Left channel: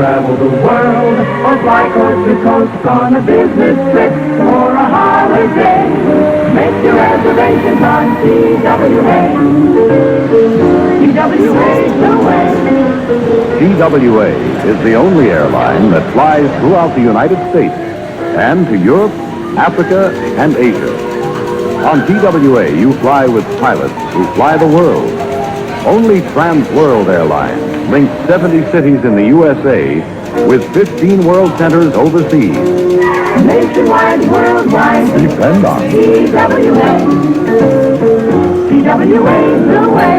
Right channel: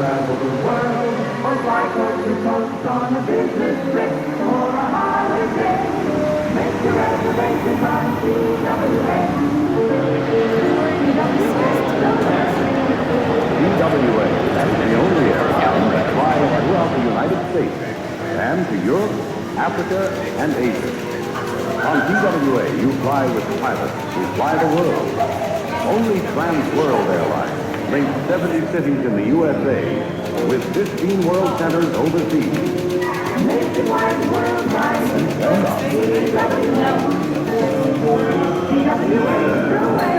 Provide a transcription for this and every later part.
Travel the world or fly coast to coast on a business trip or a holiday. Make your reservations on TWA. TWA is the only airline that flies throughout the United States and to Europe, Africa, and Asia. On TWA, you fly with pilots who fly the world. Only Trans World Airlines links 70 cities in the USA with 15 world centers overseas. Nationwide, worldwide, Depend on TWA. TWA, the way.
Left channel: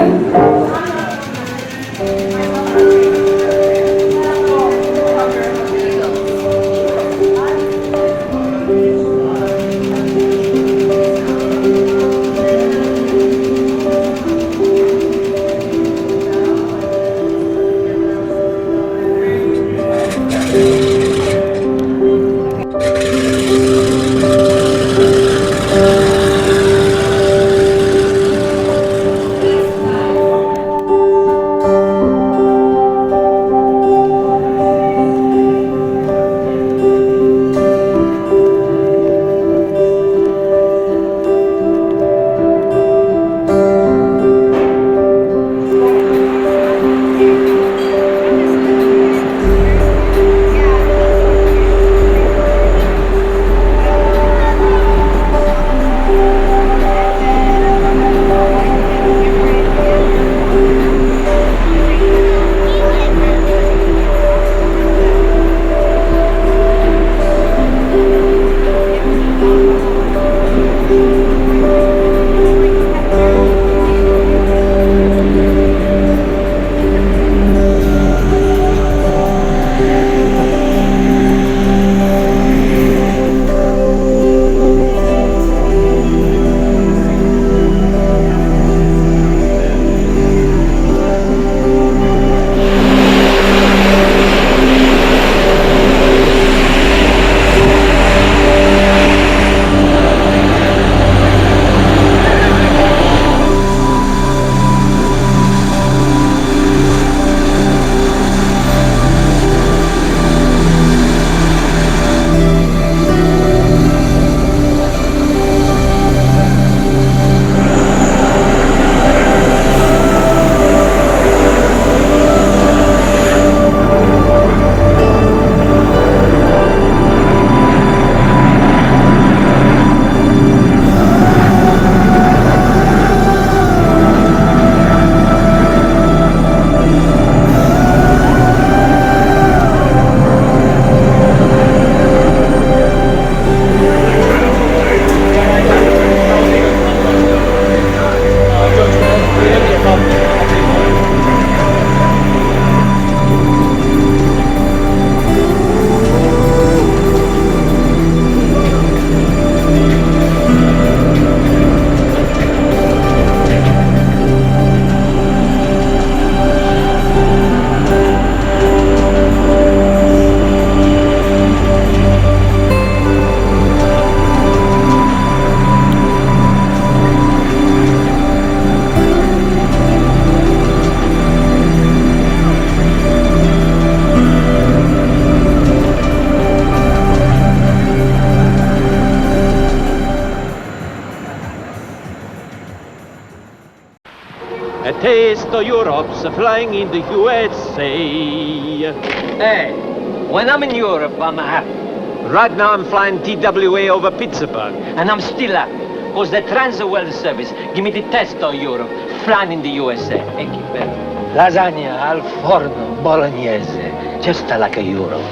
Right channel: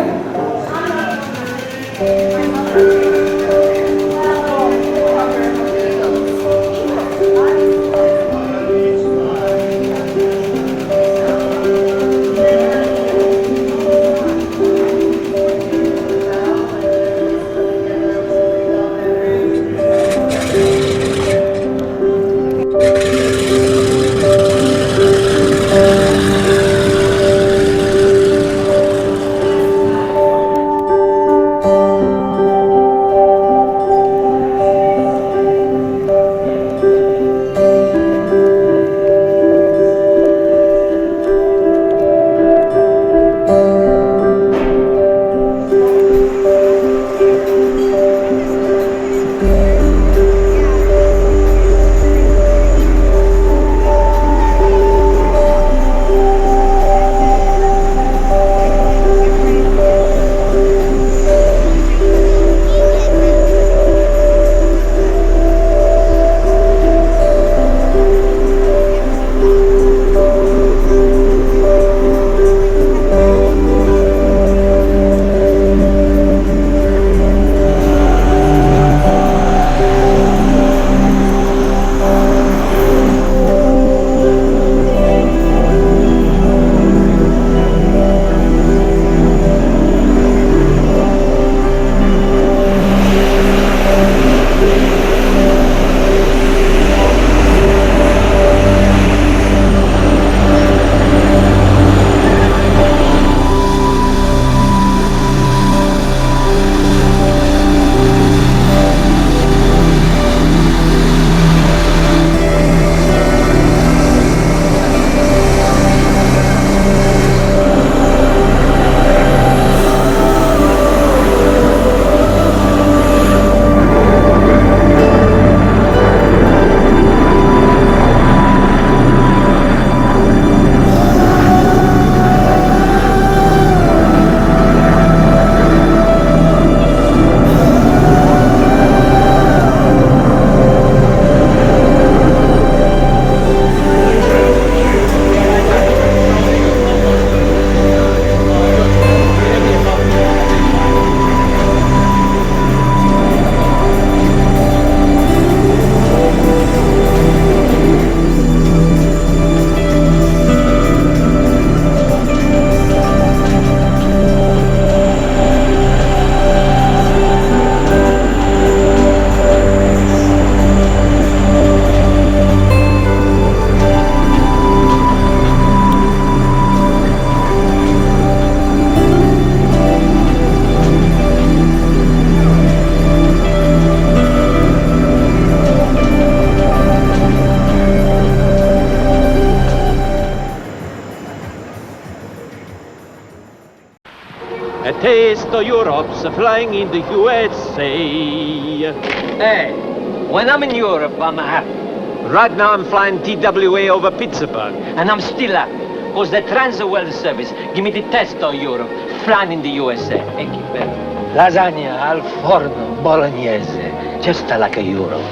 A taste of Europe's flying in the USA. Hey, when I'm in Europe, I'm happy. Right now I'm flying TWA over Pittsburgh. And I'm still happy, because the Trans World Service give me the test of Europe, flying in the USA. Thank you very much. Lasagna al forno bolognese, just like a Europe.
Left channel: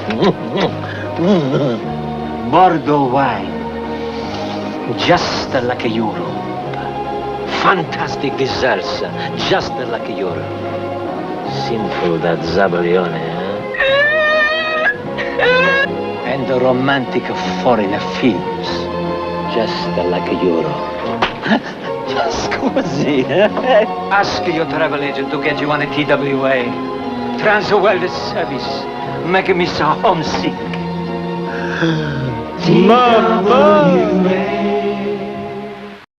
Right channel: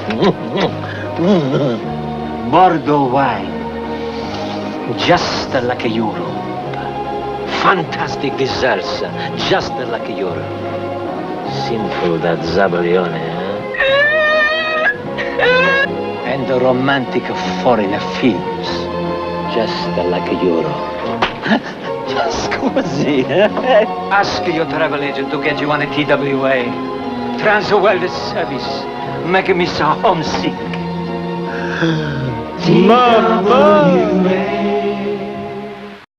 Bordeaux wine. Just like Europe. Fantastic desserts, just like Europe. Sinful that Zabolione, And the romantic foreign films, just like Europe. Scusi. Ask your travel agent to get you on a TWA. Trans-World Service. Make me so homesick. Mamma!